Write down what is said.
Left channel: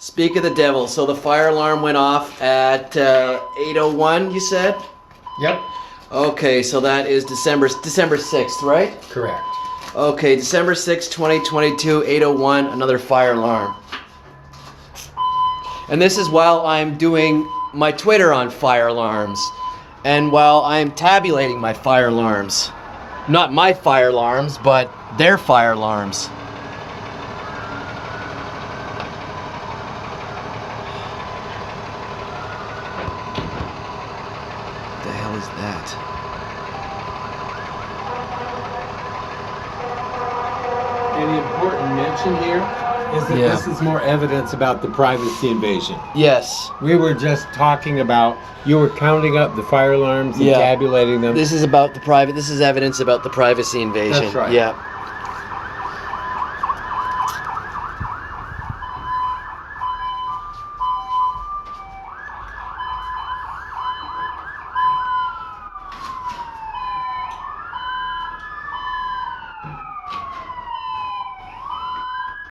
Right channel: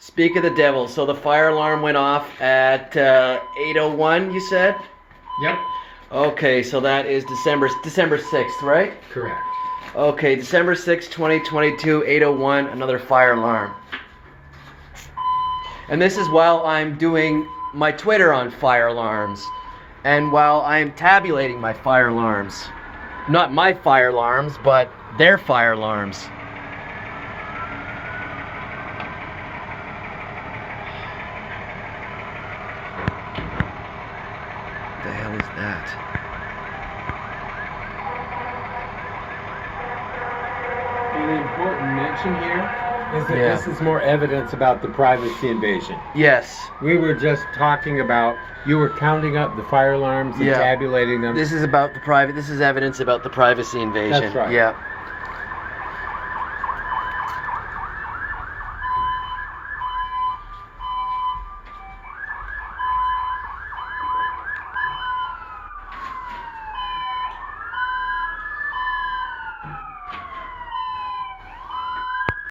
Speak of the devil. So the fire alarm went off at 8:01, you said? Yep. Okay, so that is December 6th, right? Correct. Okay, December 6th, 2022, 8:01, another fire alarm. And this is while I'm doing my Twitter on fire alarms. And while I'm tabulating my fire alarms. Not my fire alarms, but their fire alarms. What the hell is that? And the important mention here is that this is more evidence about the privacy invasion. Yes. We were just talking about, you were counting up the fire alarms and tabulating them. This is about the private, this is evidence about the privacy invasion. That's right. Yeah.